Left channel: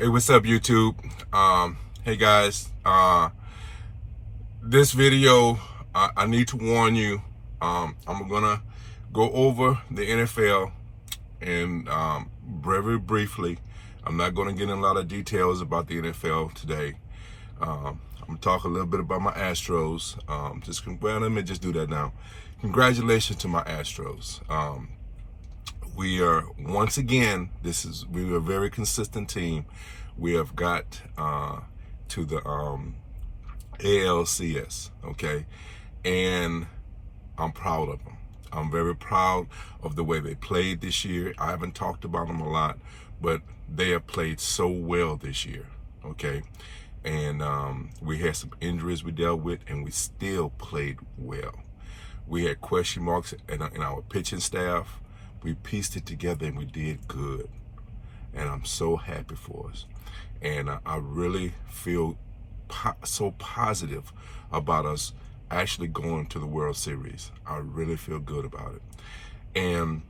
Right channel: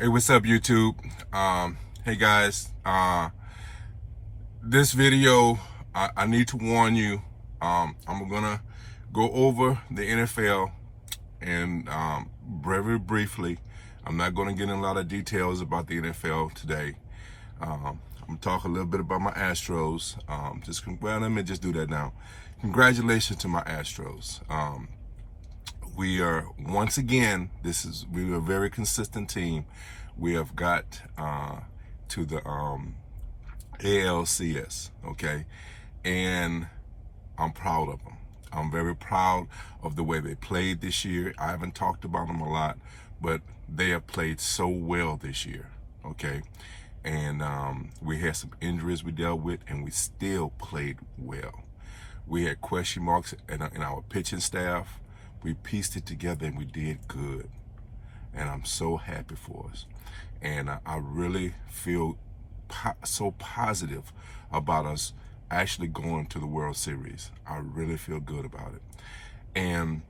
Hey, what's up, YouTube? Hey guys, this video, I need to warn you. I'm gonna go over the NFL and very briefly. I'm not gonna get in a lot of details about the NFL today. I'm gonna talk a little bit about my Astros. Let me just do that now. Congratulations to my Astros. We are once again. We are a very consistent team. We have got to the ALCS, okay, and I'm proud of them. I'm very proud of the way they played this year. I haven't talked about them a lot, but they have played so well this year, okay. And we had some injuries we dealt with, and we still played well. We had question marks in our pitching staff. We pieced it together and we did good. And I'm so happy for us. And I really feel so positive about us actually going to the World Series. I really feel good about it. And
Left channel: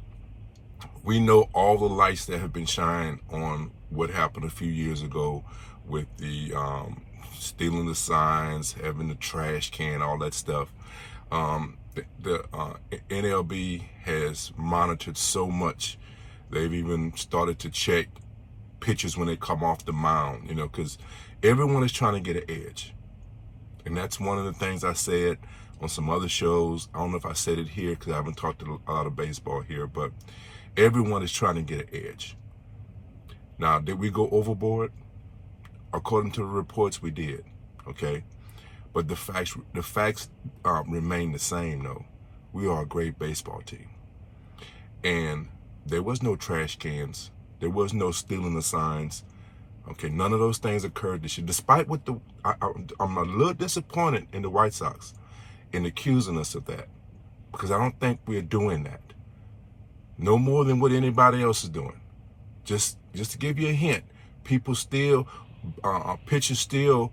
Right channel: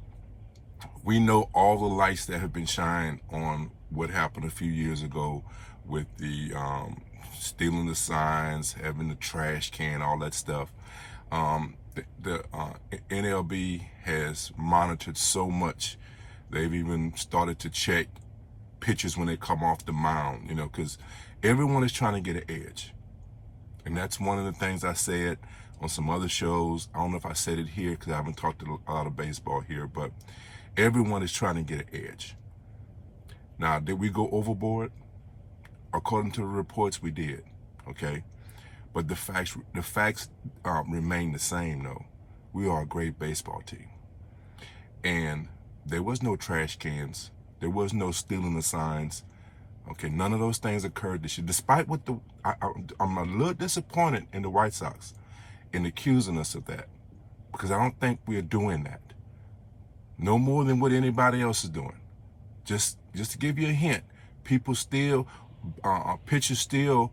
we know all the lights that have been shined on what happened a few years ago with the stealing the signs, having the trash can, all that stuff. The NLB has monitored so much. They've even started to check pitchers when they come off the mound, because everyone is trying to get an edge. And that's one of the things I said on some other shows. I don't know if I said it here because I haven't talked a lot of baseball here, but everyone is trying to get an edge. Now, did we go overboard? According to the reports, we did, okay? But the facts remain the same, though. We are a great baseball team. And there was no trash cans. There was no stealing the signs. Okay, none of those things occurred this year. Despite what I'm a little disappointed in the White Sox in accusing us of that, because I don't think we're doing that. No more than what anybody else is doing. Just to give you a hint, people still, pitchers still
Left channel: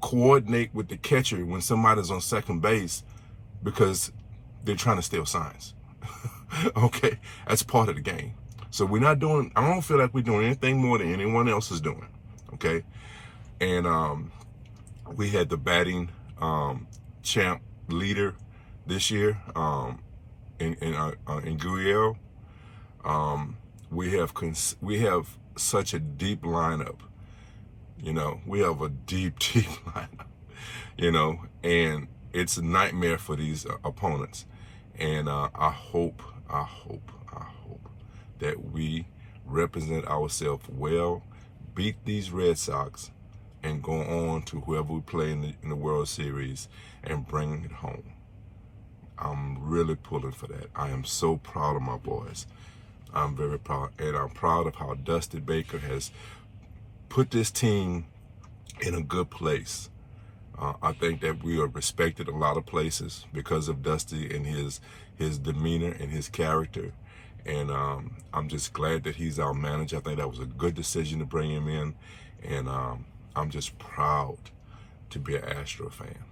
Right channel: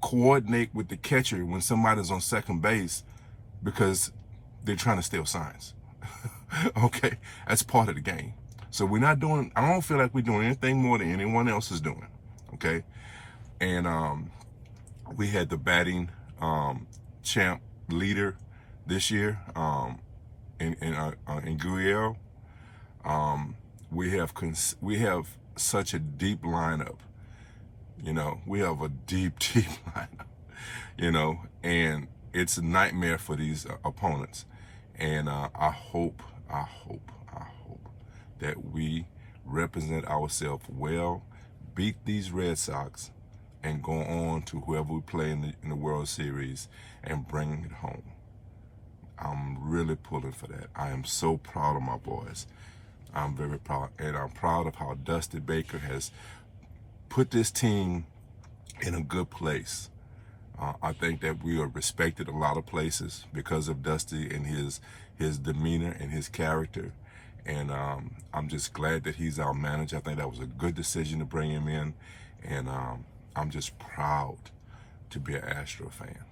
coordinate with the catcher when somebody's on second base because they're trying to steal signs. Okay, that's part of the game. So we're not doing, I don't feel like we're doing anything more than anyone else is doing, okay? And we had the batting champ leader this year in Gurriel. We have such a deep lineup. We have a deep lineup, and it's a nightmare for these opponents. And I hope that we represent ourselves well, beat these Red Sox, and go on to whoever we play in the World Series and bring it home. I'm really pulling for that. I am so proud of my boys. I'm very proud, and I'm proud of how Dusty Baker has put this team in a good place. I think that we are respected a lot of places because of Dusty and his demeanor and his character. And I'm just glad that he's our manager. I think that was a good decision to bring him in. And I'm just proud to be an Astro fan.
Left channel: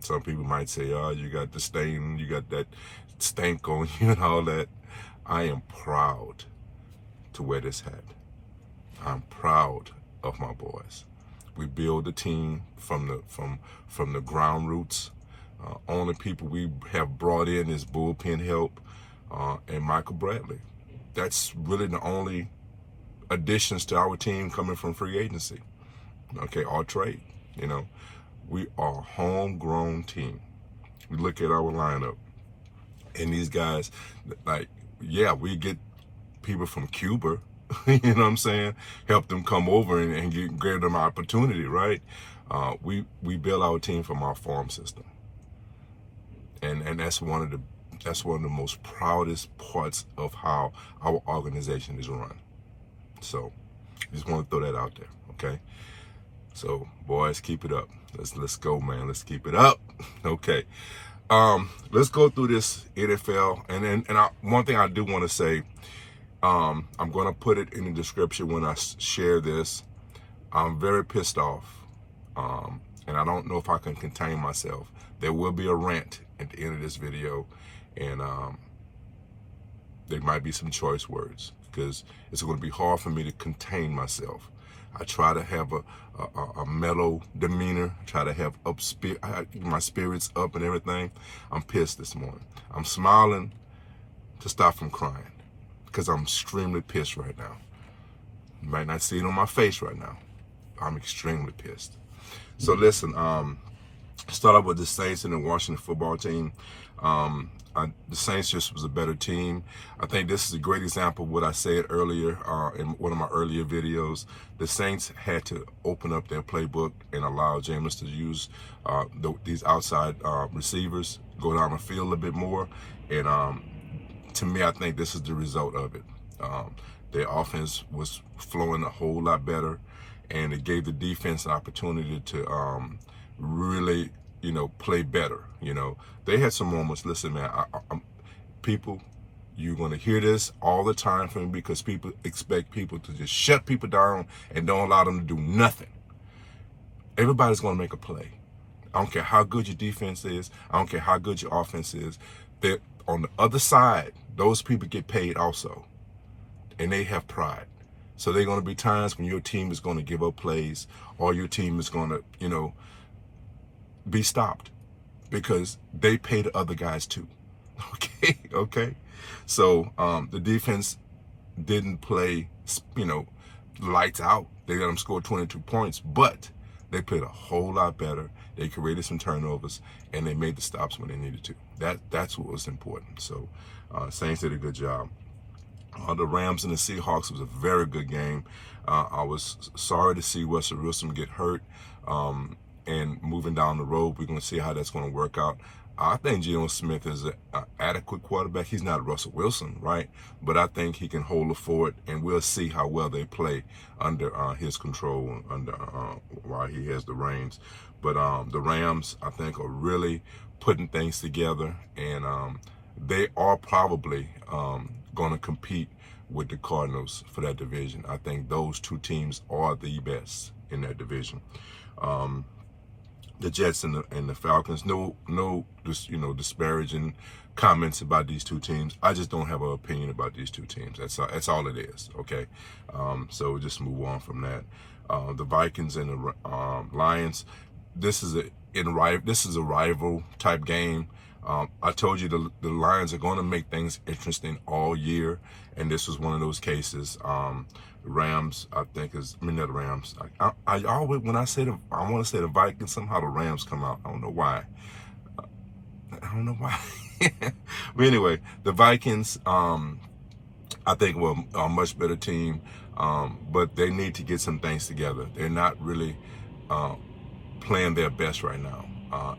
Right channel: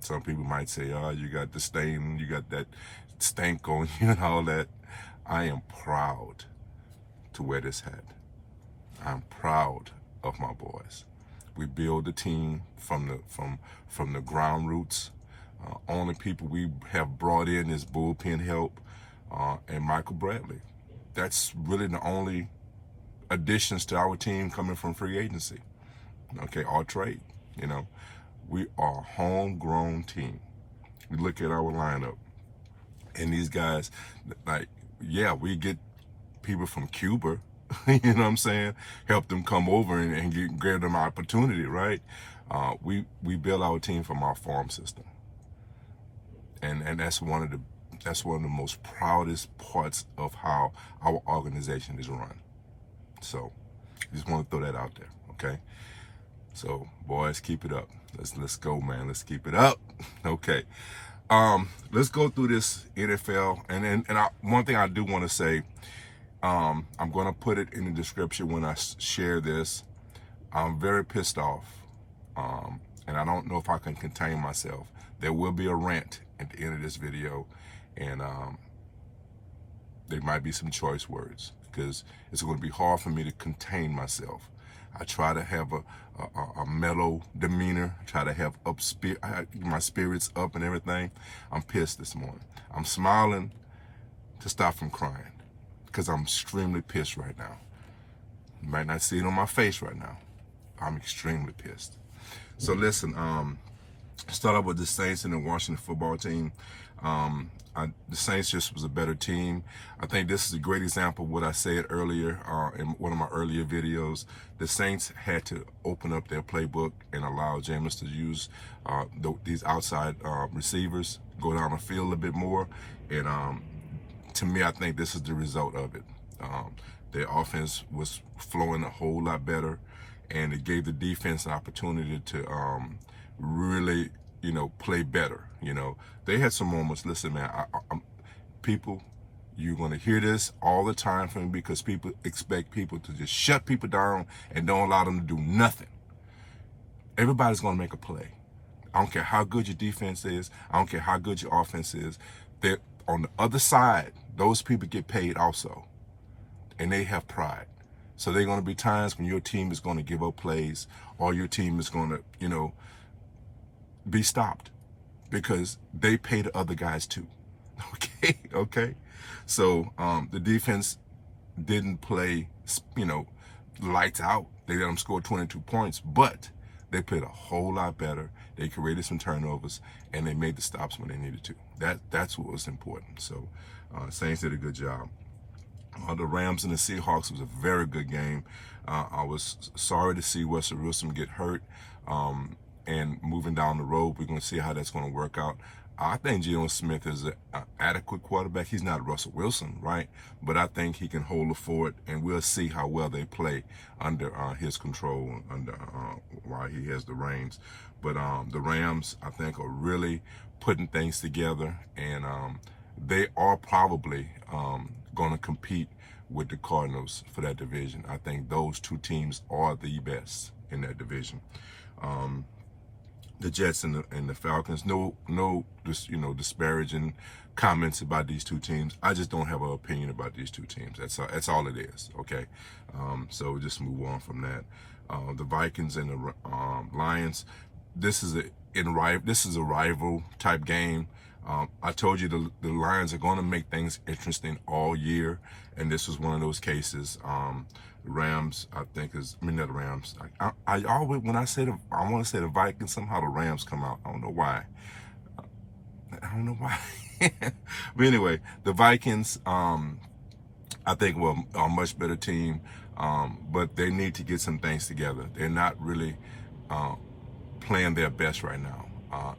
Some people might say, oh, you got the stain, you got that stank on you and all that. I am proud to wear this hat. I'm proud of my boys. We build a team from the ground roots. Only people we have brought in is bullpen help and Michael Bradley. That's really the only additions to our team coming from free agency. Okay, or trade. We are a homegrown team. We look at our lineup, and these guys, we get people from Cuba. You know what I'm saying? Help them come over and give them opportunity, right? We build our team from our farm system, and that's one of the most proudest parts of how our organization is run. So, just want to throw that out there, okay? So, boys, keep it up. Let's go, man. Let's keep it up. Okay. Let's go through this NFL, and one thing I do want to say. I'm going to put it in the description when I share this. I'm very pissed off, and I don't know if I can contain myself. There will be a rant at the end of this video, and there might be some choice words because it's going to be hard for me to contain myself. I try to have a mellow demeanor, try to have my spirits up and everything. I'm pissed this morning. I'm smiling to stop from crying because I'm extremely pissed right now. You might not see it on my face right now. I'm extremely pissed. So listen, start off with the Saints and the Washington football team. The Saints just was a better team. I think this is a great example of what I said earlier in one of my earlier videos. The Saints had to open up their playbook and allow Jameis to use these outside receivers, go down the field a little bit more. And to me, I think this is the result of it. Their offense was flowing a whole lot better, and it gave the defense an opportunity to really, play better. They had some moments. Listen, man, people, you're going to hear this all the time from me because people expect people to just shut people down and don't allow them to do nothing. Everybody's going to make a play. I don't care how good your defense is. I don't care how good your offense is. They're on the other side. Those people get paid also, and they have pride. So there are going to be times when your team is going to give up plays, or your team is going to, be stopped because they pay the other guys too. Okay. So the defense didn't play, lights out. They let them score 22 points, but they played a whole lot better. They created some turnovers, and they made the stops when they needed to. That's what was important. So Saints did a good job. The Rams and the Seahawks was a very good game. I was sorry to see Russell Wilson get hurt. And moving down the road, we're going to see how that's going to work out. I think Geno Smith is an adequate quarterback. He's not Russell Wilson, right? But I think he can hold the fort, and we'll see how well they play under his control, while he has the reins. But the Rams, I think, are really putting things together, and they are probably going to compete with the Cardinals for that division. I think those two teams are the best in that division. The Jets and the Falcons, no, disparaging comments about these two teams. I just don't have an opinion about these two teams. That's all it is. Okay, so we'll just move on from that. The Vikings and the Lions. This is a rival type game. I told you the Lions are going to make things interesting all year, and this was one of those cases. Rams, I think not the Rams. I always, when I want to say the Vikings, somehow the Rams come out. I don't know why. But anyway, the Vikings, I think, were a much better team, but they need to get some things together. They're not really playing their best right now,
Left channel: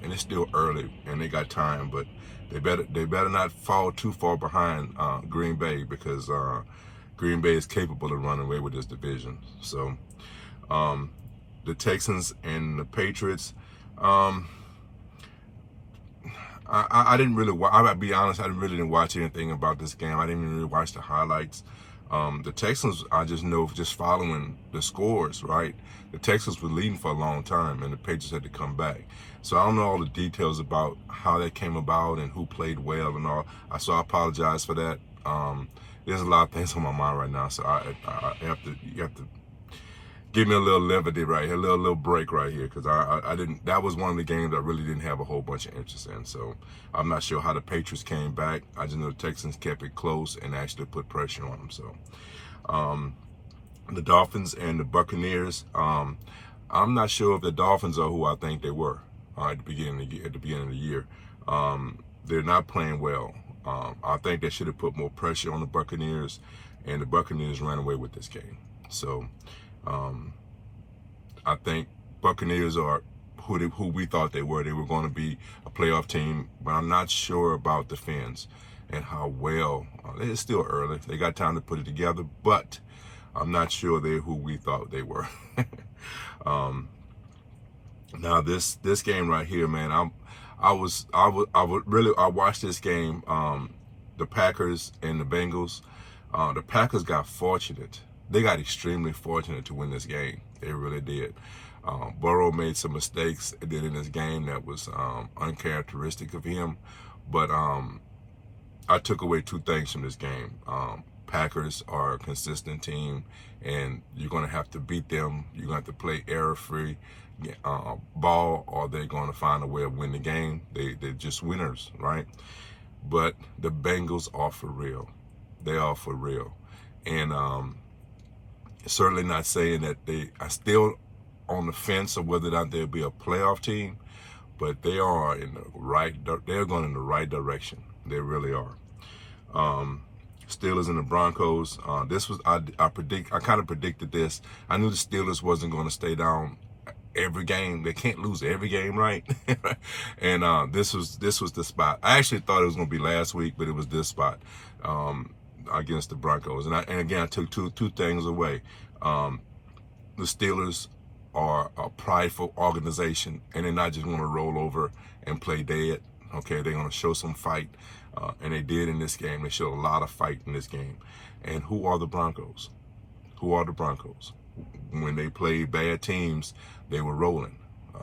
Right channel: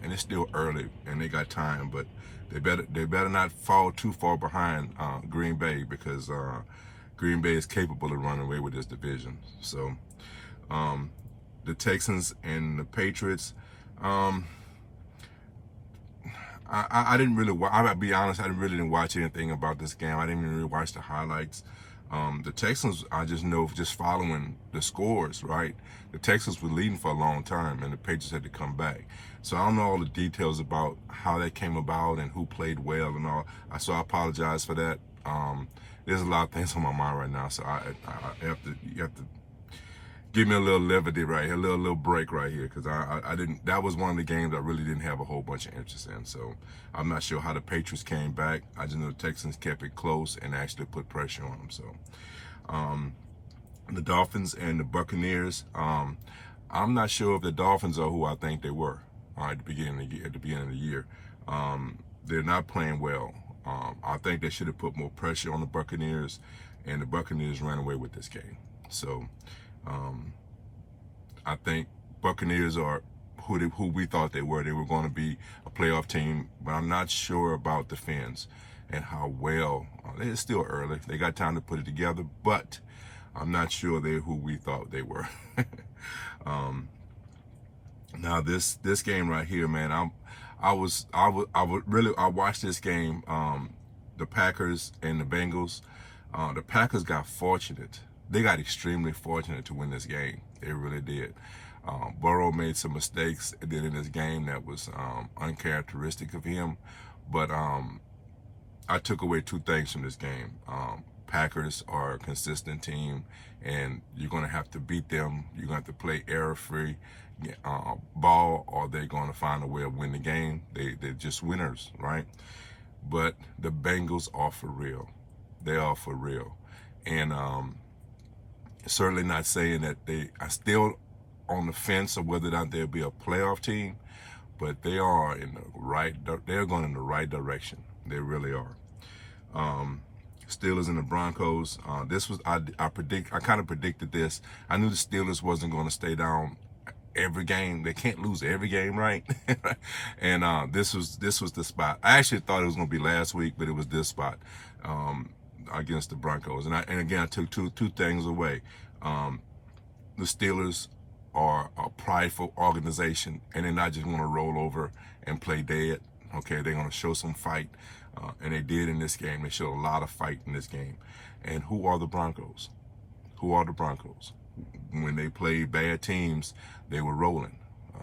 and it's still early, and they got time, but they better not fall too far behind Green Bay, because Green Bay is capable of running away with this division. So the Texans and the Patriots, I didn't really I'll be honest, I really didn't watch anything about this game. I didn't even really watch the highlights. The Texans, I just know, just following the scores, right? The Texans were leading for a long time, and the Patriots had to come back. So I don't know all the details about how that came about and who played well and all. So I apologize for that. There's a lot of things on my mind right now, so you have to give me a little levity right here, a little break right here, because I didn't. That was one of the games I really didn't have a whole bunch of interest in. So I'm not sure how the Patriots came back. I just know the Texans kept it close and actually put pressure on them. So the Dolphins and the Buccaneers. I'm not sure if the Dolphins are who I think they were at the beginning of the year. They're not playing well. I think they should have put more pressure on the Buccaneers, and the Buccaneers ran away with this game. So I think Buccaneers are who we thought they were. They were going to be a playoff team, but I'm not sure about the Fins and how well. It's still early. They got time to put it together, but I'm not sure they're who we thought they were. Now this game right here, man, I watched this game, the Packers and the Bengals. The Packers got fortunate. They got extremely fortunate to win this game. They really did. Burrow made some mistakes in this game that was uncharacteristic of him. But I took away two things from this game. Packers are a consistent team, and you're going to have to beat them. You're going to have to play error-free ball, or they're going to find a way of winning the game. They're just winners, right? But the Bengals are for real. They are for real. And certainly not saying that they are still on the fence of whether or not they'll be a playoff team, but they are in the right. They're going in the right direction. They really are. Steelers and the Broncos. This was I kind of predicted this. I knew the Steelers wasn't going to stay down every game. They can't lose every game, right? And this was the spot. I actually thought it was going to be last week, but it was this spot against the Broncos. And again, I took two things away. The Steelers are a prideful organization, and they're not just going to roll over and play dead. Okay, they're going to show some fight, and they did in this game. They showed a lot of fight in this game. And who are the Broncos? Who are the Broncos? When they played bad teams, they were rolling.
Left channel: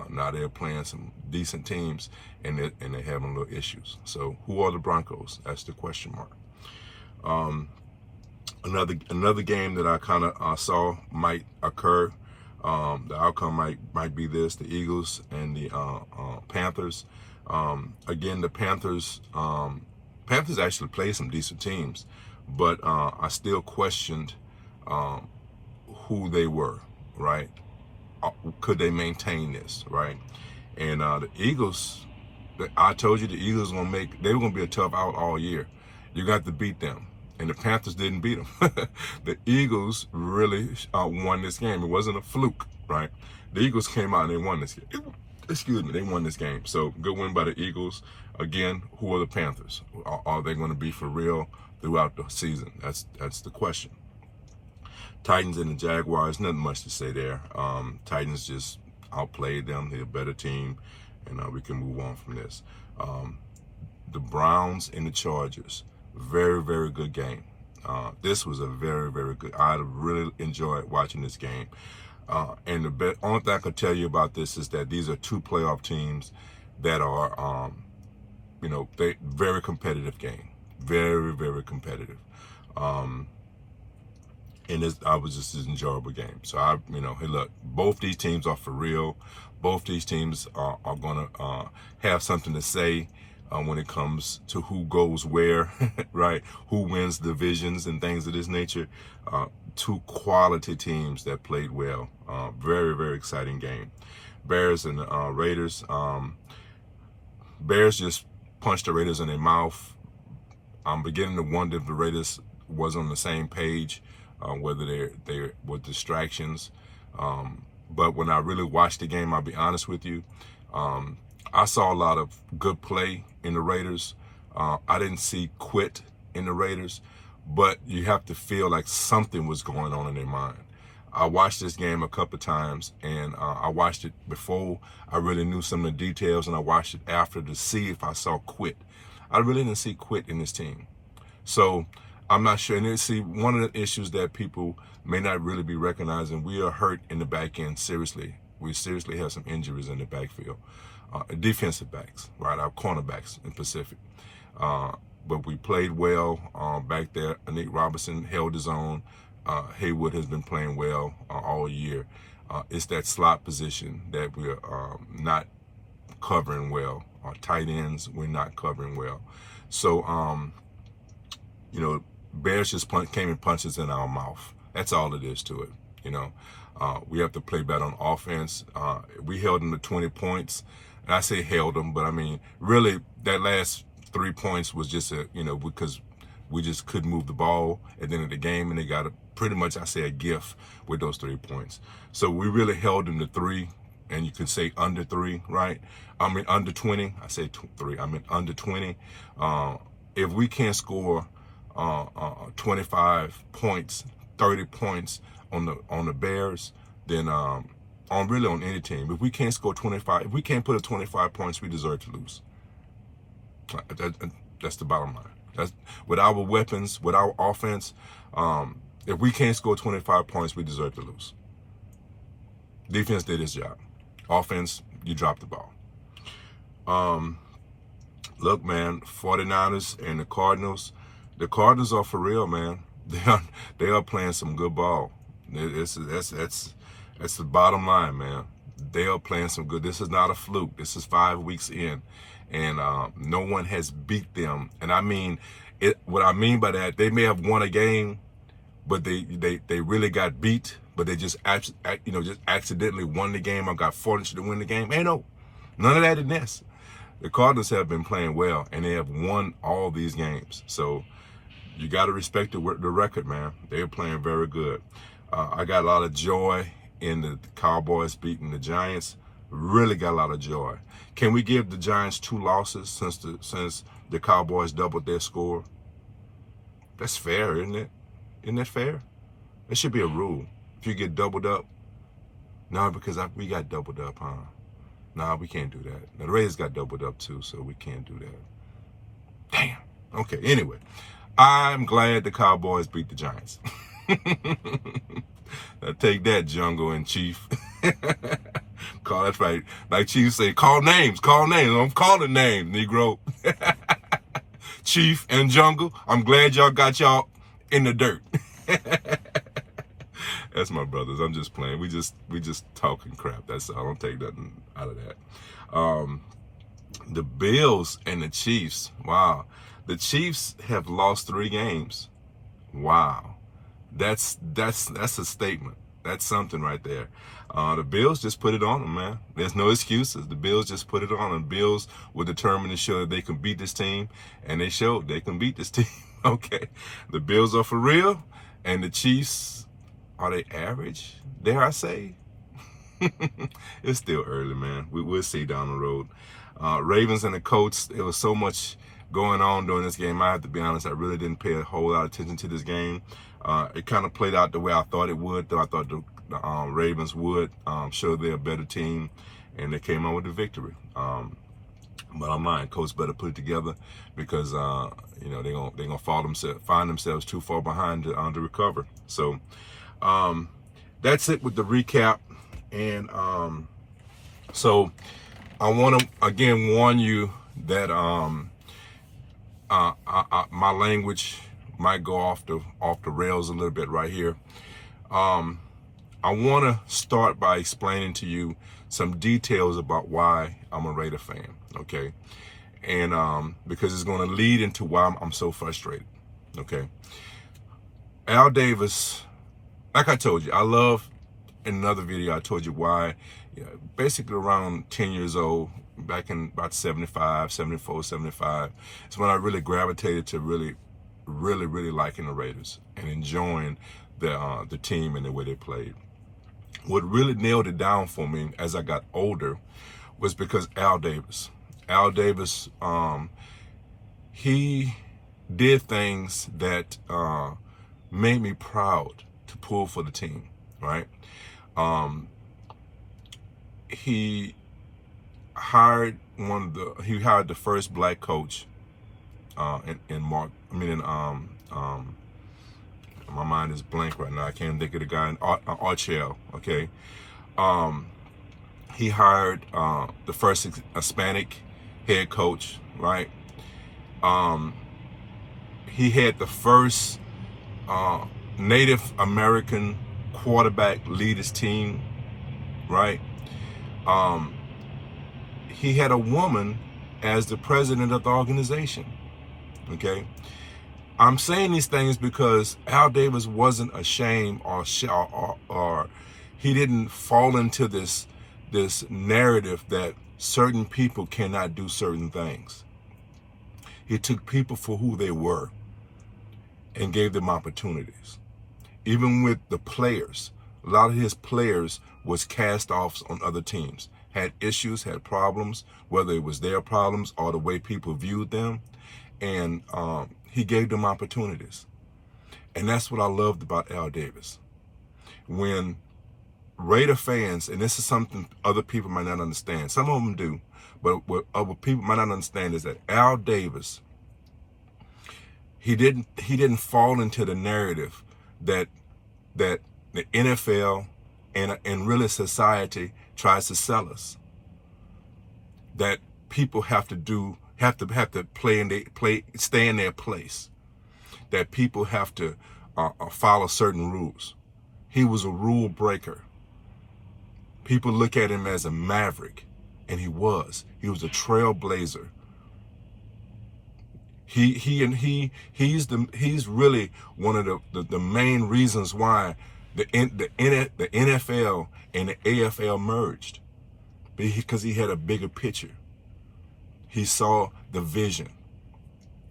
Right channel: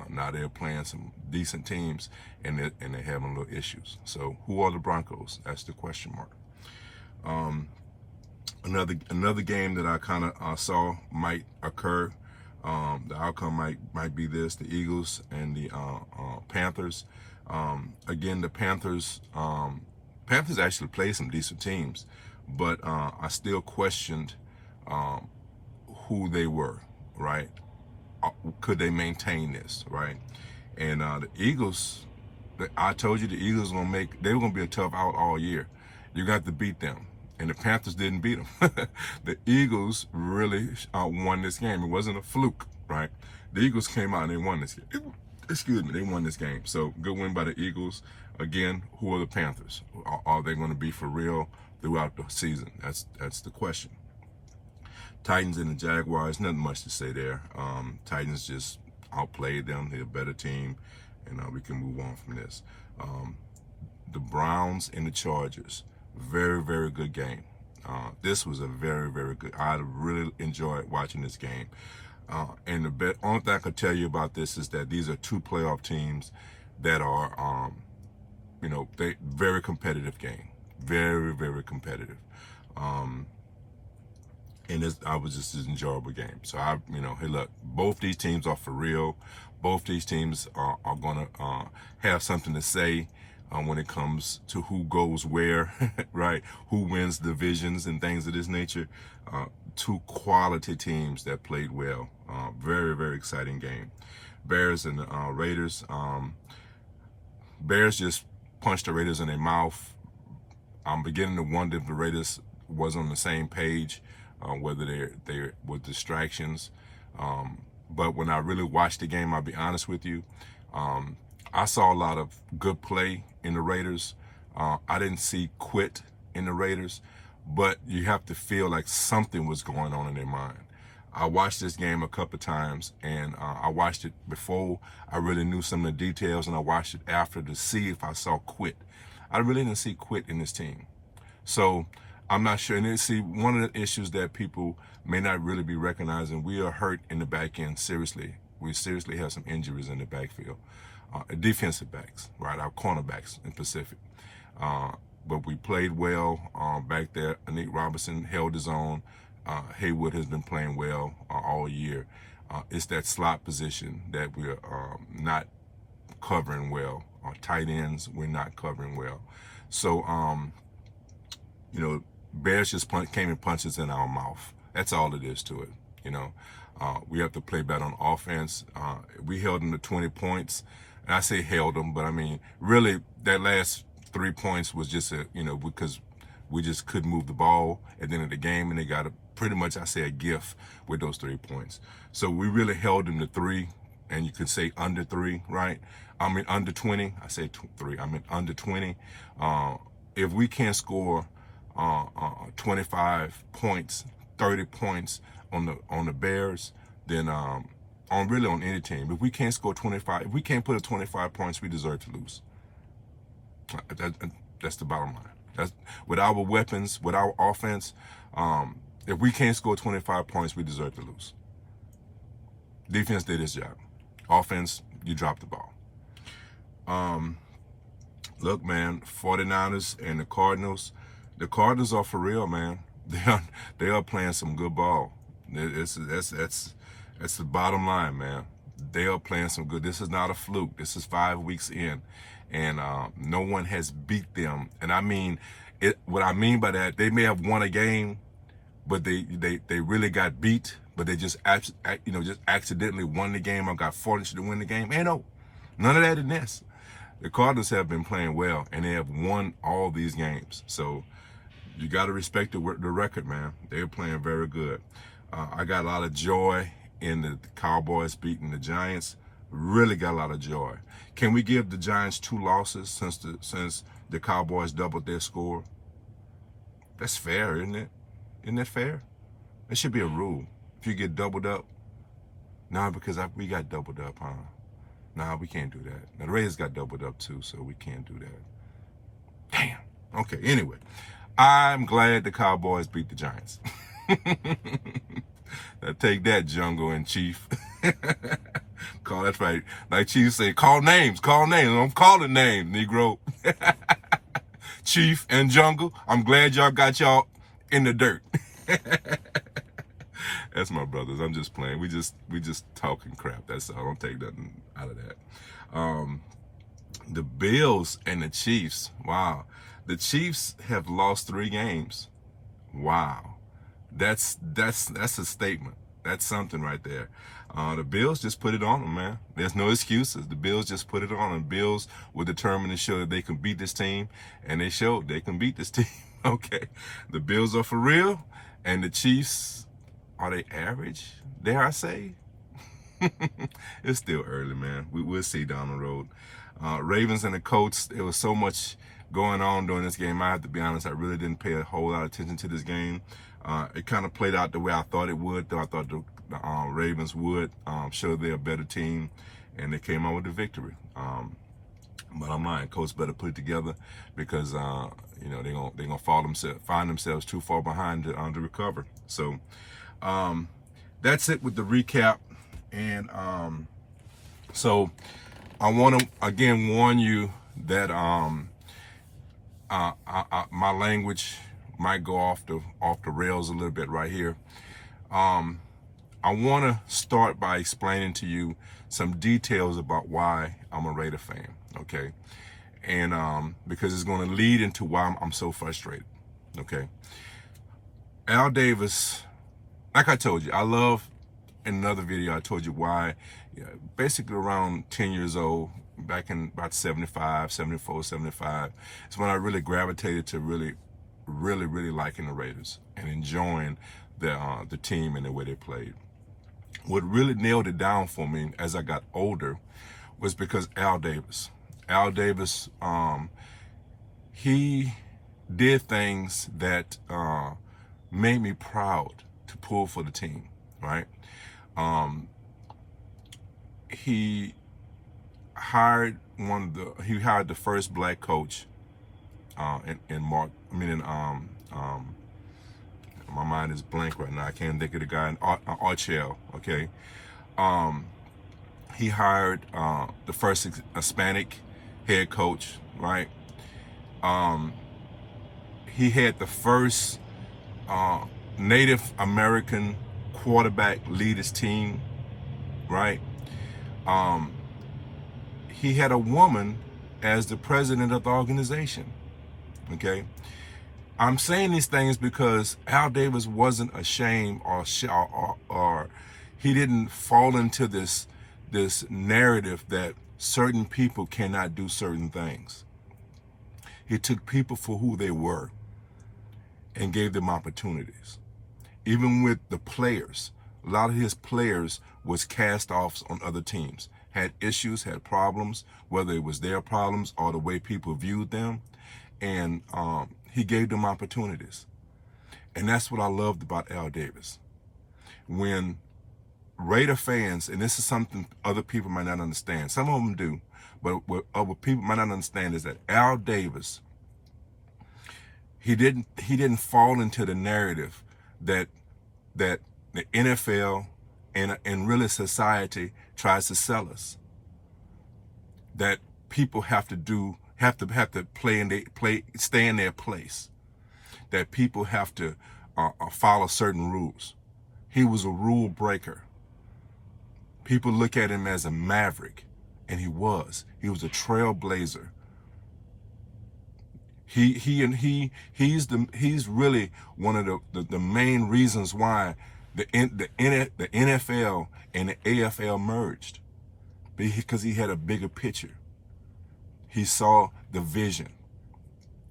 Now they're playing some decent teams, and they're having little issues. So who are the Broncos? That's the question mark. Another game that I kind of saw might occur. The outcome might be this: the Eagles and the Panthers. Again, the Panthers actually played some decent teams, but I still questioned who they were, right? Could they maintain this, right? And the Eagles, I told you the Eagles they were gonna be a tough out all year. You got to beat them. And the Panthers didn't beat them. The Eagles really won this game. It wasn't a fluke, right? The Eagles came out and they won this game. Excuse me, they won this game. So good win by the Eagles. Again, who are the Panthers? Are they going to be for real throughout the season? That's the question. Titans and the Jaguars, nothing much to say there. Titans just outplayed them. They're a better team, and we can move on from this. The Browns and the Chargers. Very, very good game. This was a very, very good. I really enjoyed watching this game. And the only thing I can tell you about this is that these are two playoff teams that are, they very competitive game. Very, very competitive. And I was just an enjoyable game. So hey, look, both these teams are for real. Both these teams are going to have something to say when it comes to who goes where, right? Who wins divisions and things of this nature. Two quality teams that played well. Very, very exciting game. Bears and Raiders. Bears just punched the Raiders in their mouth. I'm beginning to wonder if the Raiders was on the same page, whether they were distractions. But when I really watched the game, I'll be honest with you, I saw a lot of good play in the Raiders. I didn't see quit in the Raiders, but you have to feel like something was going on in their mind. I watched this game a couple of times, and I watched it before I really knew some of the details, and I watched it after to see if I saw quit. I really didn't see quit in this team. So I'm not sure. And see, one of the issues that people may not really be recognizing, we are hurt in the back end seriously. We seriously have some injuries in the backfield. Defensive backs, right? Our cornerbacks in Pacific. But we played well back there. Nick Robinson held his own. Haywood has been playing well all year. It's that slot position that we're not covering well. Our tight ends, we're not covering well. So, Bears just came and punches in our mouth. That's all it is to it. We have to play better on offense. We held them to 20 points. And I say held them, but I mean, really, that last 3 points was just because we just couldn't move the ball at the end of the game, and they got pretty much, I say, a gift with those 3 points. So we really held them to 3, and you could say under 3, right? I mean, under 20. I say 3. I mean, under 20. If we can't score 25 points, 30 points on the Bears, then on any team, if we can't score 25, if we can't put up 25 points, we deserve to lose. That's the bottom line. That's with our weapons, with our offense. If we can't score 25 points, we deserve to lose. Defense did its job. Offense, you dropped the ball. Look, man, 49ers and the Cardinals are for real, man. They are playing some good ball. That's the bottom line, man. They are playing some good. This is not a fluke. This is 5 weeks in, and no one has beat them. And I mean, what I mean by that, they may have won a game, but they really got beat. But they just just accidentally won the game or got fortunate to win the game. Ain't none of that in this. The Cardinals have been playing well, and they have won all these games. So you got to respect the record, man. They're playing very good. I got a lot of joy in the Cowboys beating the Giants. Really got a lot of joy. Can we give the Giants 2 losses since the Cowboys doubled their score? That's fair, isn't it? Isn't that fair? It should be a rule. If you get doubled up, no, because we got doubled up, huh? No, we can't do that. The Raiders got doubled up too, so we can't do that. Damn. Okay, anyway, I'm glad the Cowboys beat the Giants. Now take that, Jungle and Chief. That's right. Like Chief say, call names. I'm calling names, Negro. Chief and Jungle, I'm glad y'all got y'all in the dirt. That's my brothers. I'm just playing. We just talking crap. That's all. I don't take nothing out of that. The Bills and the Chiefs. Wow. The Chiefs have lost 3 games. Wow. That's a statement. That's something right there. The Bills just put it on them, man. There's no excuses. The Bills just put it on them. Bills were determined to show that they can beat this team, and they showed they can beat this team. Okay. The Bills are for real, and the Chiefs, are they average, dare I say? It's still early, man. We'll see down the road. Ravens and the Colts, there was so much going on during this game. I have to be honest, I really didn't pay a whole lot of attention to this game. It kind of played out the way I thought it would, though I thought the Ravens would show they're a better team, and they came out with the victory. But I'm lying. Colts better put it together because they're gonna find themselves too far behind to recover. So that's it with the recap. And so I want to again warn you that my language might go off the rails a little bit right here. I want to start by explaining to you some details about why I'm a Raider fan, okay? And because it's going to lead into why I'm so frustrated, okay? Al Davis, like I told you, in another video, I told you why, basically around 10 years old, back in about 75, 74, 75, is when I really gravitated to really liking the Raiders and enjoying the team and the way they played. What really nailed it down for me as I got older was because Al Davis. Al Davis, he did things that made me proud to pull for the team, right? He hired the first black coach my mind is blank right now. I can't think of the guy in Archel, okay? He hired the first Hispanic head coach, right? He had the first Native American quarterback lead his team, right? He had a woman as the president of the organization, okay? I'm saying these things because Al Davis wasn't ashamed or he didn't fall into this narrative that certain people cannot do certain things. He took people for who they were and gave them opportunities. Even with the players, a lot of his players was cast-offs on other teams, had issues, had problems, whether it was their problems or the way people viewed them, and he gave them opportunities. And that's what I loved about Al Davis. When Raider fans, and this is something other people might not understand, some of them do, but what other people might not understand is that Al Davis, he didn't fall into the narrative that the NFL and really society tries to sell us. That people have to stay in their place. That people have to follow certain rules. He was a rule breaker. People look at him as a maverick, and he was. He was a trailblazer. He's really one of the main reasons why the NFL and the AFL merged, because he had a bigger picture. He saw the vision,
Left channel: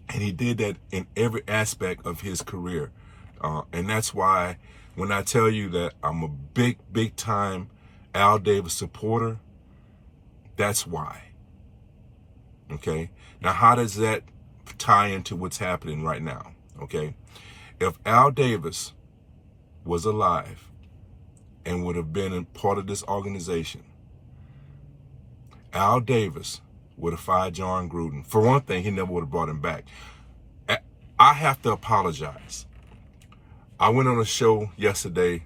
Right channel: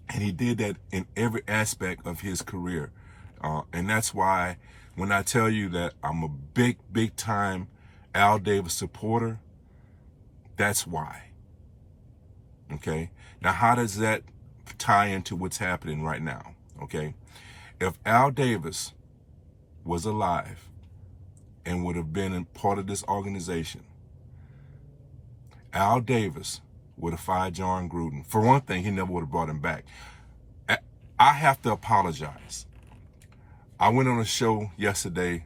and he did that in every aspect of his career. And that's why when I tell you that I'm a big time Al Davis supporter, that's why. Okay? Now, how does that tie into what's happening right now? Okay? If Al Davis was alive and would have been a part of this organization, Al Davis would have fired John Gruden. For one thing, he never would have brought him back. I have to apologize. I went on a show yesterday,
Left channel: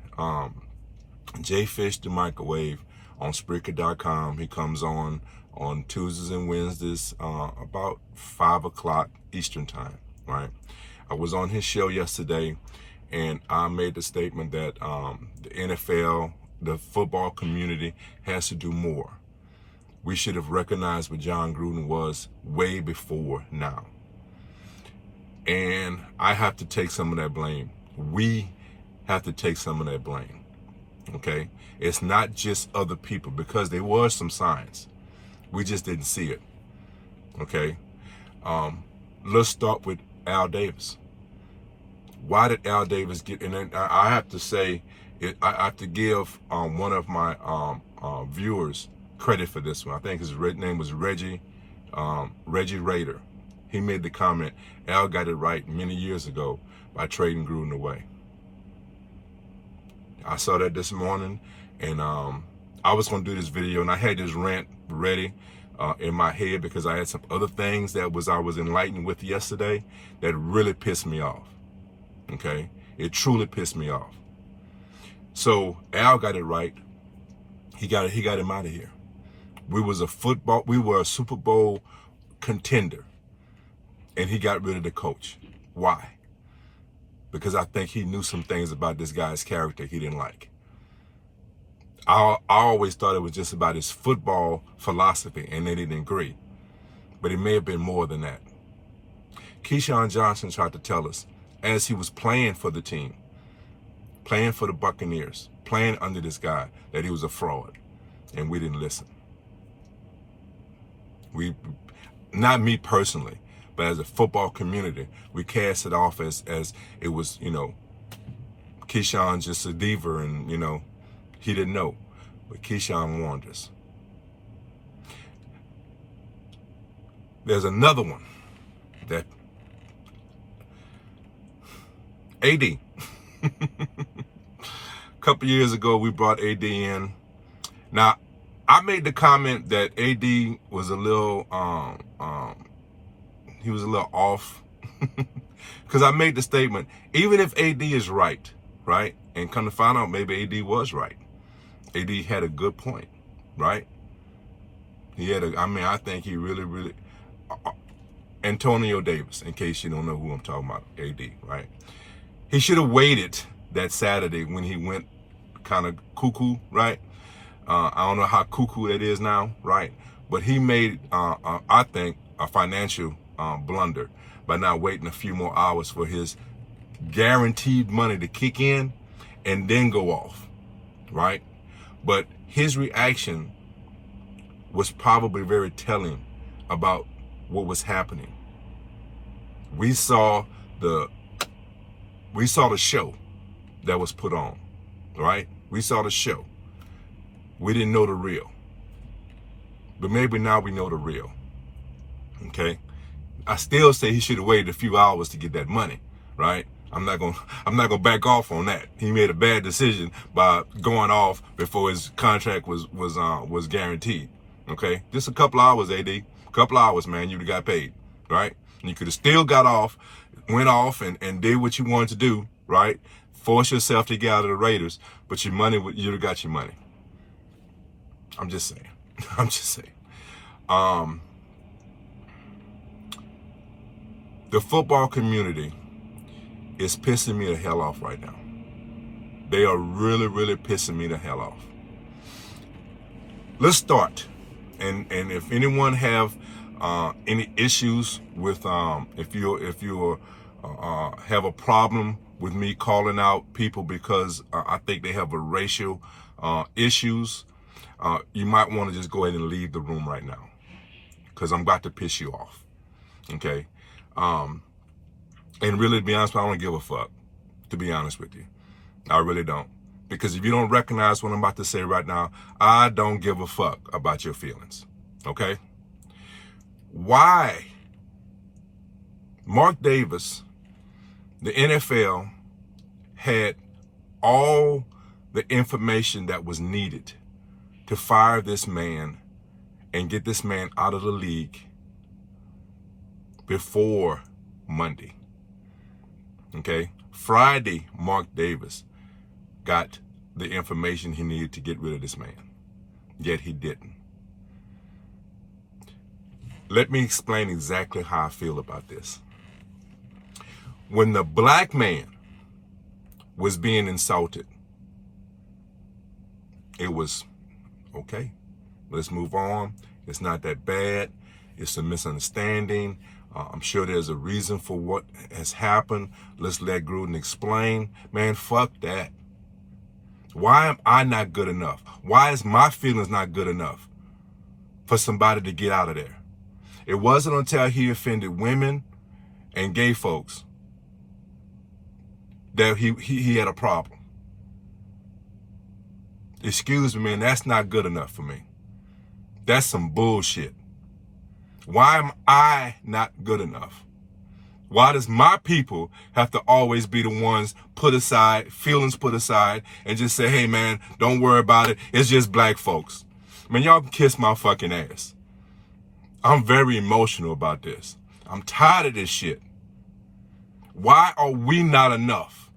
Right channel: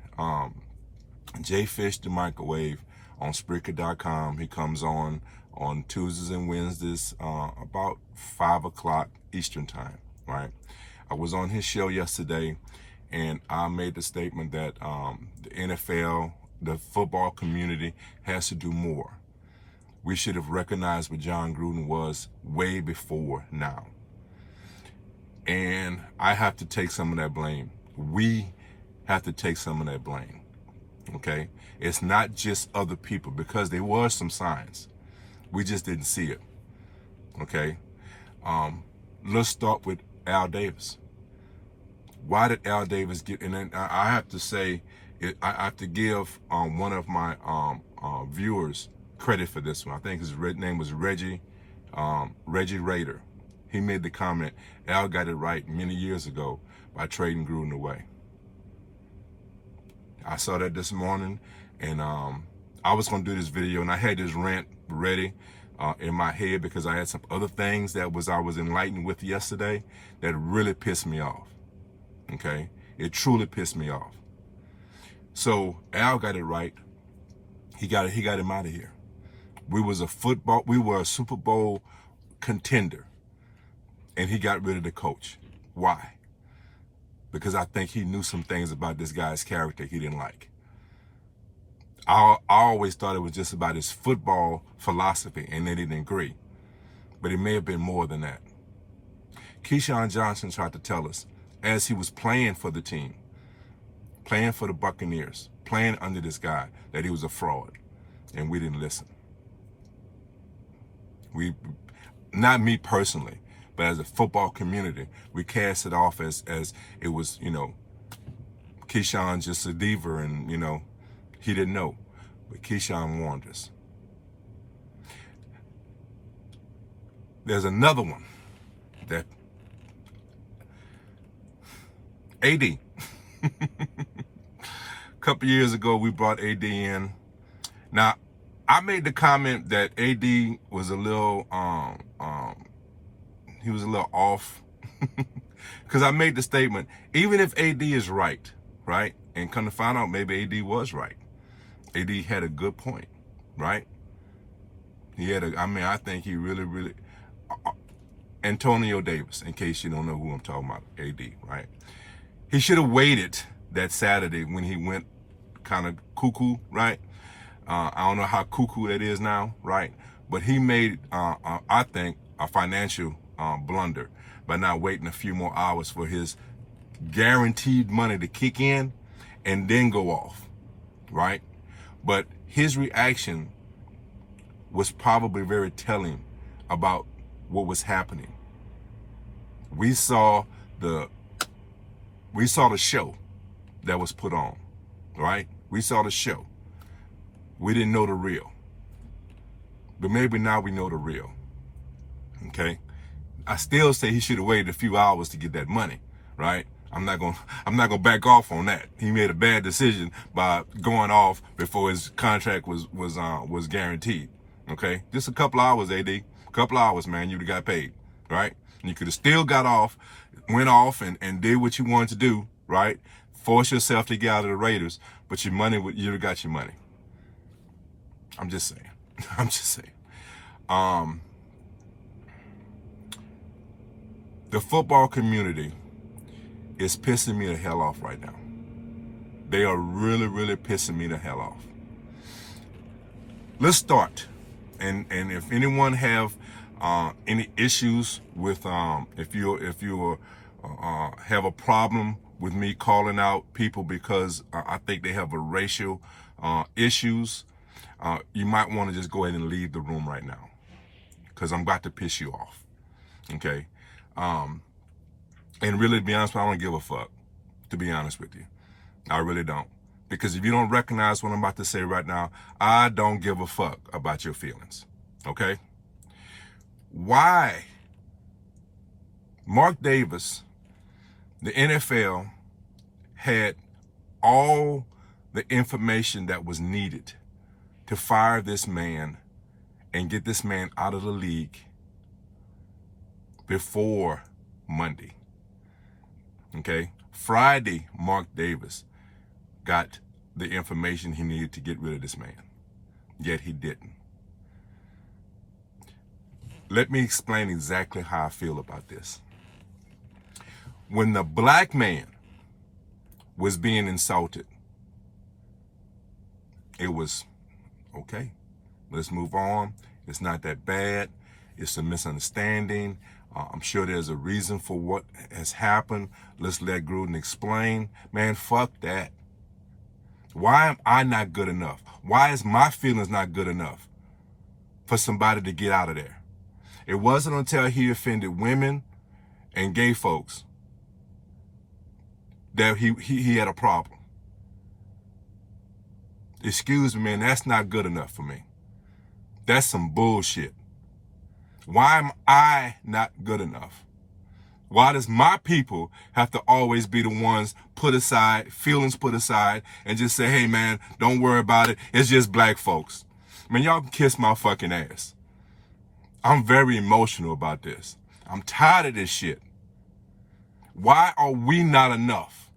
Jay Fish the Microwave on Spreaker.com. He comes on Tuesdays and Wednesdays about 5 o'clock Eastern time, right? I was on his show yesterday, and I made the statement that the NFL, the football community, has to do more. We should have recognized what John Gruden was way before now. And I have to take some of that blame. We have to take some of that blame, okay? It's not just other people, because there was some signs. We just didn't see it, okay? Let's start with Al Davis. Why did Al Davis get, and then I have to say, I have to give one of my viewers credit for this one. I think his name was Reggie Rader. He made the comment, Al got it right many years ago by trading Gruden away. I saw that this morning, and I was going to do this video, and I had this rant ready in my head because I had some other things that I was enlightened with yesterday that really pissed me off. Okay? It truly pissed me off. So Al got it right. He got him out of here. We were a Super Bowl contender, and he got rid of the coach. Why? Because I think he knew some things about this guy's character he didn't like. I always thought it was just about his football philosophy, and they didn't agree. But it may have been more than that. Keyshawn Johnson tried to tell us, as he was playing for the team, playing for the Buccaneers, playing under this guy, that he was a fraud, and we didn't listen. Not me personally, but as a football community, we cast it off as it was, Keyshawn just a diva, and, he didn't know. But Keyshawn warned us. There's another one that AD. A couple years ago, we brought AD in. Now, I made the comment that AD was a little, he was a little off, because I made the statement, even if AD is right, and come to find out, maybe AD was right. AD had a good point, right? I think he really, Antonio Davis, in case you don't know who I'm talking about, AD, right? He should have waited that Saturday when he went kind of cuckoo, right? I don't know how cuckoo that is now, right? But he made, I think, a financial blunder by not waiting a few more hours for his guaranteed money to kick in and then go off, right? But his reaction was probably very telling about what was happening. We saw the show that was put on, right? We saw the show. We didn't know the real. But maybe now we know the real. Okay? I still say he should have waited a few hours to get that money, right? I'm not gonna back off on that. He made a bad decision by going off before his contract was guaranteed. Okay? Just a couple hours, AD. A couple hours, man, you'd have got paid, right? And you could have still got off, went off and did what you wanted to do, right? Force yourself to get out of the Raiders, but you'd have got your money. I'm just saying. The football community is pissing me the hell off right now. They are really, really pissing me the hell off. Let's start. And if anyone have any issues with if you have a problem with me calling out people because I think they have a racial issues, you might want to just go ahead and leave the room right now, because I'm about to piss you off. Okay? And really, to be honest, I don't give a fuck, to be honest with you. I really don't. Because if you don't recognize what I'm about to say right now, I don't give a fuck about your feelings. Okay? Why Mark Davis, the NFL, had all the information that was needed to fire this man and get this man out of the league before Monday. Okay? Friday, Mark Davis got the information he needed to get rid of this man, yet he didn't. Let me explain exactly how I feel about this. When the black man was being insulted, it was, okay, let's move on. It's not that bad. It's a misunderstanding. I'm sure there's a reason for what has happened. Let's let Gruden explain. Man, fuck that. Why am I not good enough? Why is my feelings not good enough for somebody to get out of there? It wasn't until he offended women and gay folks that he had a problem. Excuse me, man, that's not good enough for me. That's some bullshit. Why am I not good enough? Why does my people have to always be the ones put aside, feelings put aside, and just say, hey, man, don't worry about it. It's just black folks. Man, y'all can kiss my fucking ass. I'm very emotional about this. I'm tired of this shit. Why are we not enough?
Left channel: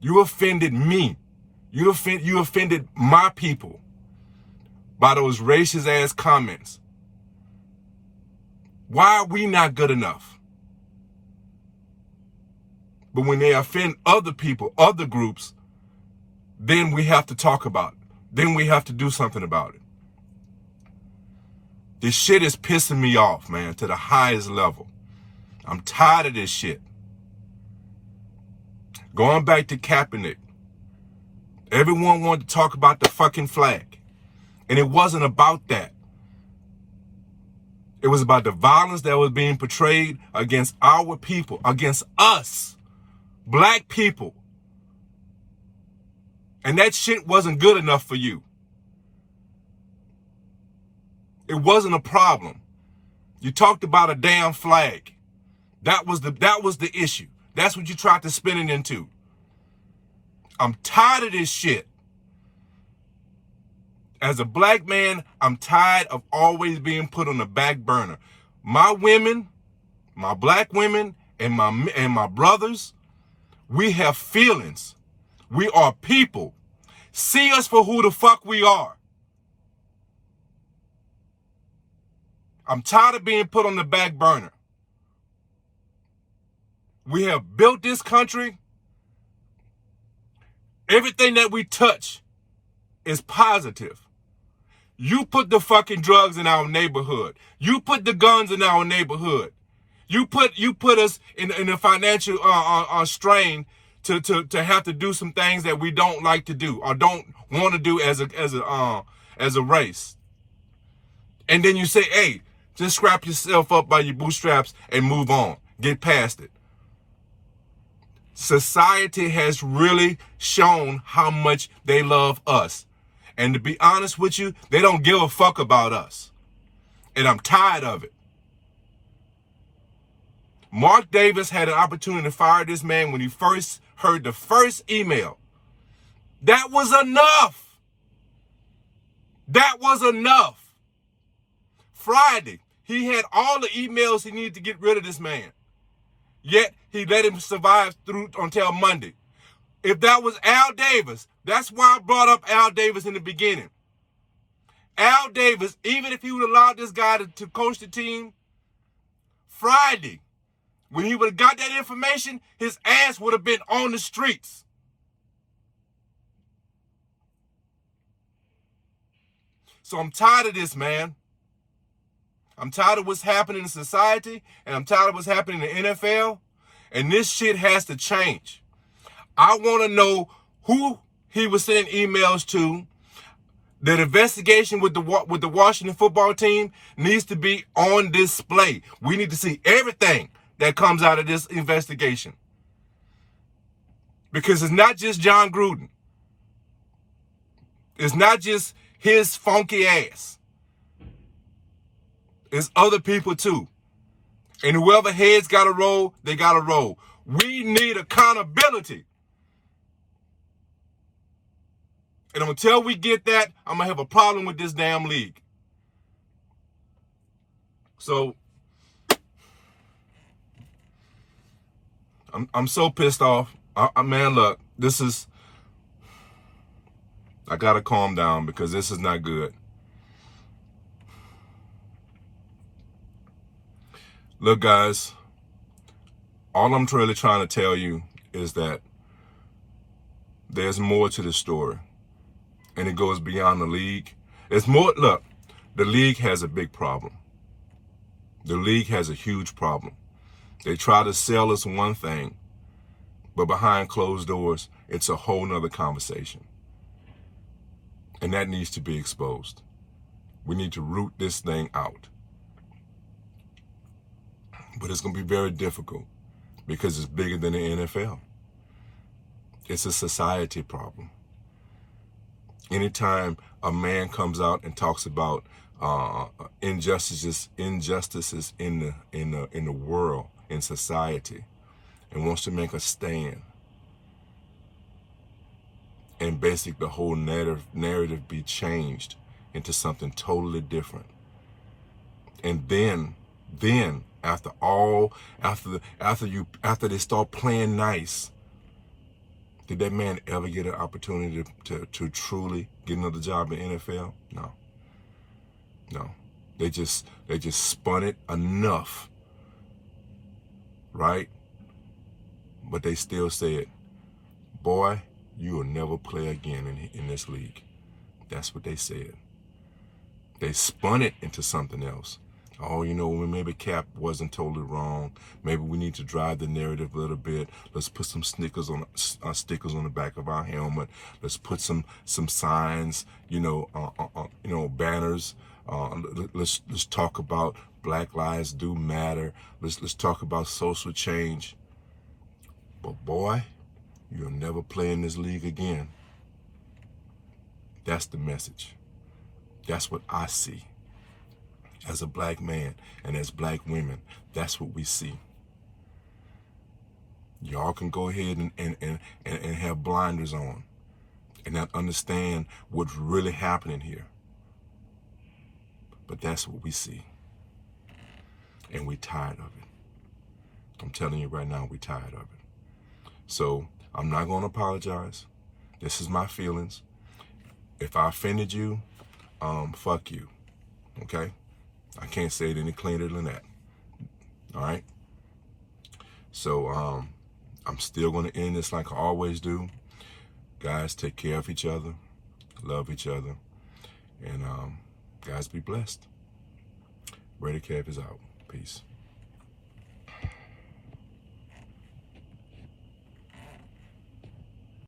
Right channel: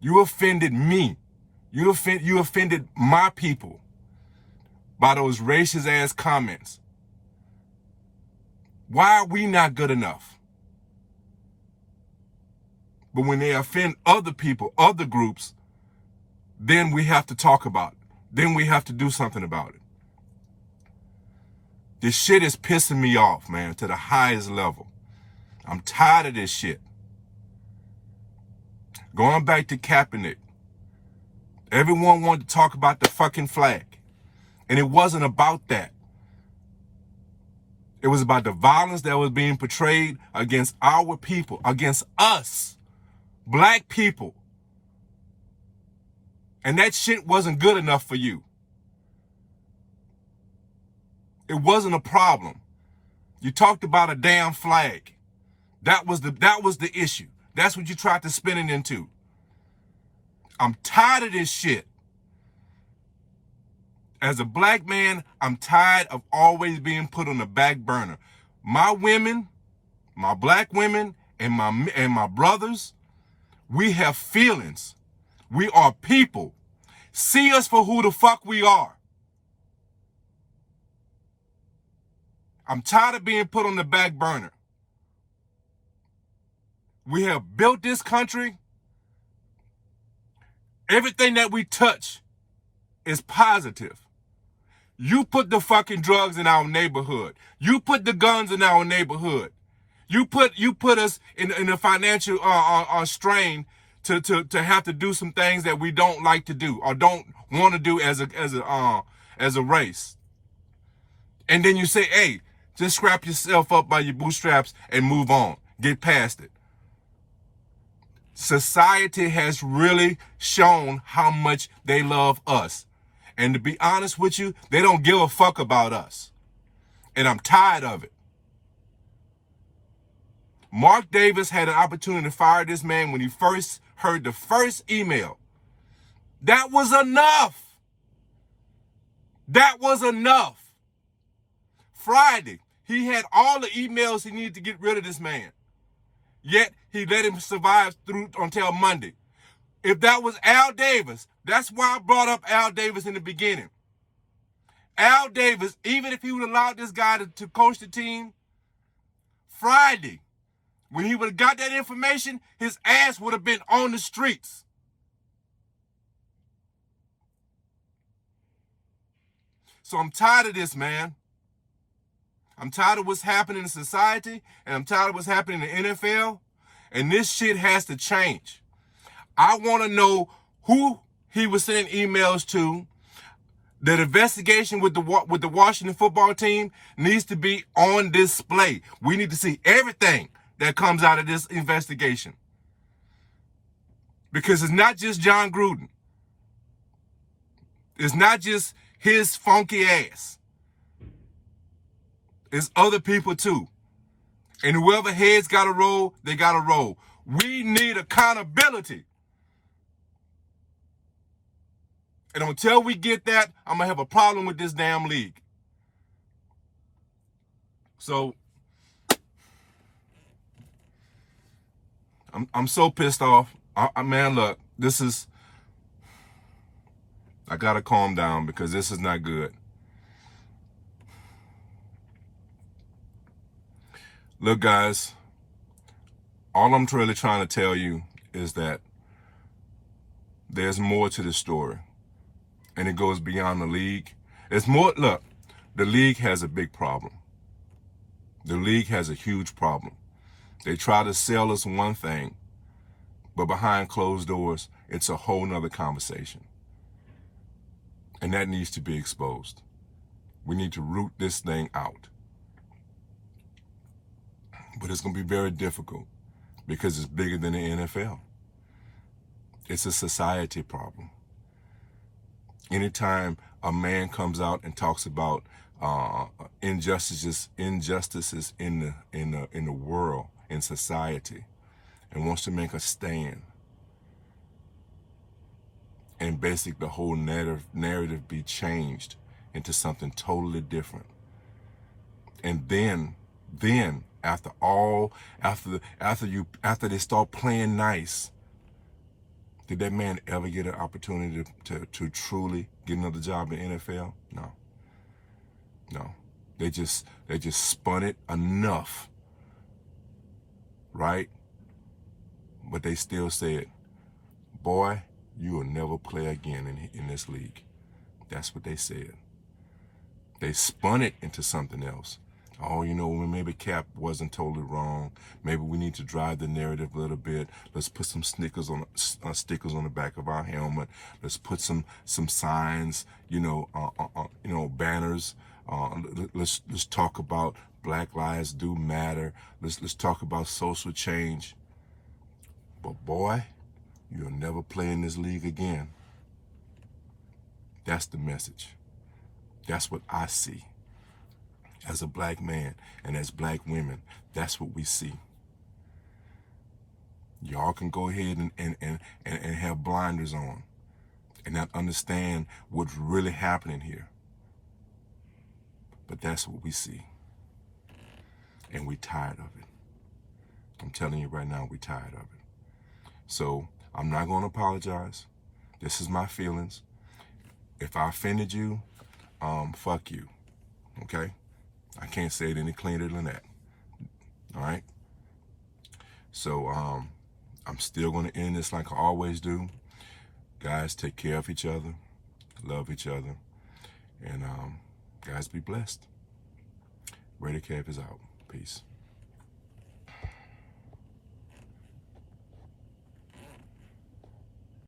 You offended me. You offended my people by those racist ass comments. Why are we not good enough? But when they offend other people, other groups, then we have to talk about it. Then we have to do something about it. This shit is pissing me off, man, to the highest level. I'm tired of this shit. Going back to Kaepernick, everyone wanted to talk about the fucking flag. And it wasn't about that. It was about the violence that was being portrayed against our people, against us, black people. And that shit wasn't good enough for you. It wasn't a problem. You talked about a damn flag. That was the issue. That's what you tried to spin it into. I'm tired of this shit. As a black man, I'm tired of always being put on the back burner. My women, my black women, and my brothers, we have feelings. We are people. See us for who the fuck we are. I'm tired of being put on the back burner. We have built this country. Everything that we touch is positive. You put the fucking drugs in our neighborhood. You put the guns in our neighborhood. You put us in a financial strain to have to do some things that we don't like to do or don't want to do as a race. And then you say, hey, just strap yourself up by your bootstraps and move on. Get past it. Society has really shown how much they love us. And to be honest with you, they don't give a fuck about us. And I'm tired of it. Mark Davis had an opportunity to fire this man when he first heard the first email. That was enough. That was enough. Friday, he had all the emails he needed to get rid of this man. Yet, he let him survive through until Monday. If that was Al Davis, that's why I brought up Al Davis in the beginning. Al Davis, even if he would allow this guy to coach the team, Friday, When he would have got that information, his ass would have been on the streets. So I'm tired of this, man. I'm tired of what's happening in society, and I'm tired of what's happening in the NFL, and this shit has to change. I want to know who he was sending emails to. That investigation with the Washington football team needs to be on display. We need to see everything that comes out of this investigation. Because it's not just John Gruden. It's not just his funky ass. It's other people too. And whoever heads got to roll, they got to roll. We need accountability. And until we get that, I'm going to have a problem with this damn league. So, I'm so pissed off. Man, look, I got to calm down because this is not good. Look, guys, all I'm really trying to tell you is that there's more to the story. And it goes beyond the league. It's more, look, the league has a big problem. The league has a huge problem. They try to sell us one thing, but behind closed doors, it's a whole nother conversation. And that needs to be exposed. We need to root this thing out. But it's going to be very difficult because it's bigger than the NFL. It's a society problem. Anytime a man comes out and talks about injustices in the world, in society, and wants to make a stand, and basically the whole narrative be changed into something totally different, and then after they start playing nice. Did that man ever get an opportunity to truly get another job in the NFL? No. They just spun it enough, right? But they still said, boy, you will never play again in this league. That's what they said. They spun it into something else. Oh, maybe Cap wasn't totally wrong. Maybe we need to drive the narrative a little bit. Let's put some stickers on the back of our helmet. Let's put some signs, banners. Let's talk about Black Lives Do Matter. Let's talk about social change. But boy, you'll never play in this league again. That's the message. That's what I see. As a black man and as black women, that's what we see. Y'all can go ahead and have blinders on and not understand what's really happening here. But that's what we see. And we're tired of it. I'm telling you right now, we're tired of it. So I'm not going to apologize. This is my feelings. If I offended you, fuck you. Okay? I can't say it any cleaner than that. All right? So I'm still going to end this like I always do. Guys, take care of each other. Love each other. And guys, be blessed. Brady Kev is out. Peace.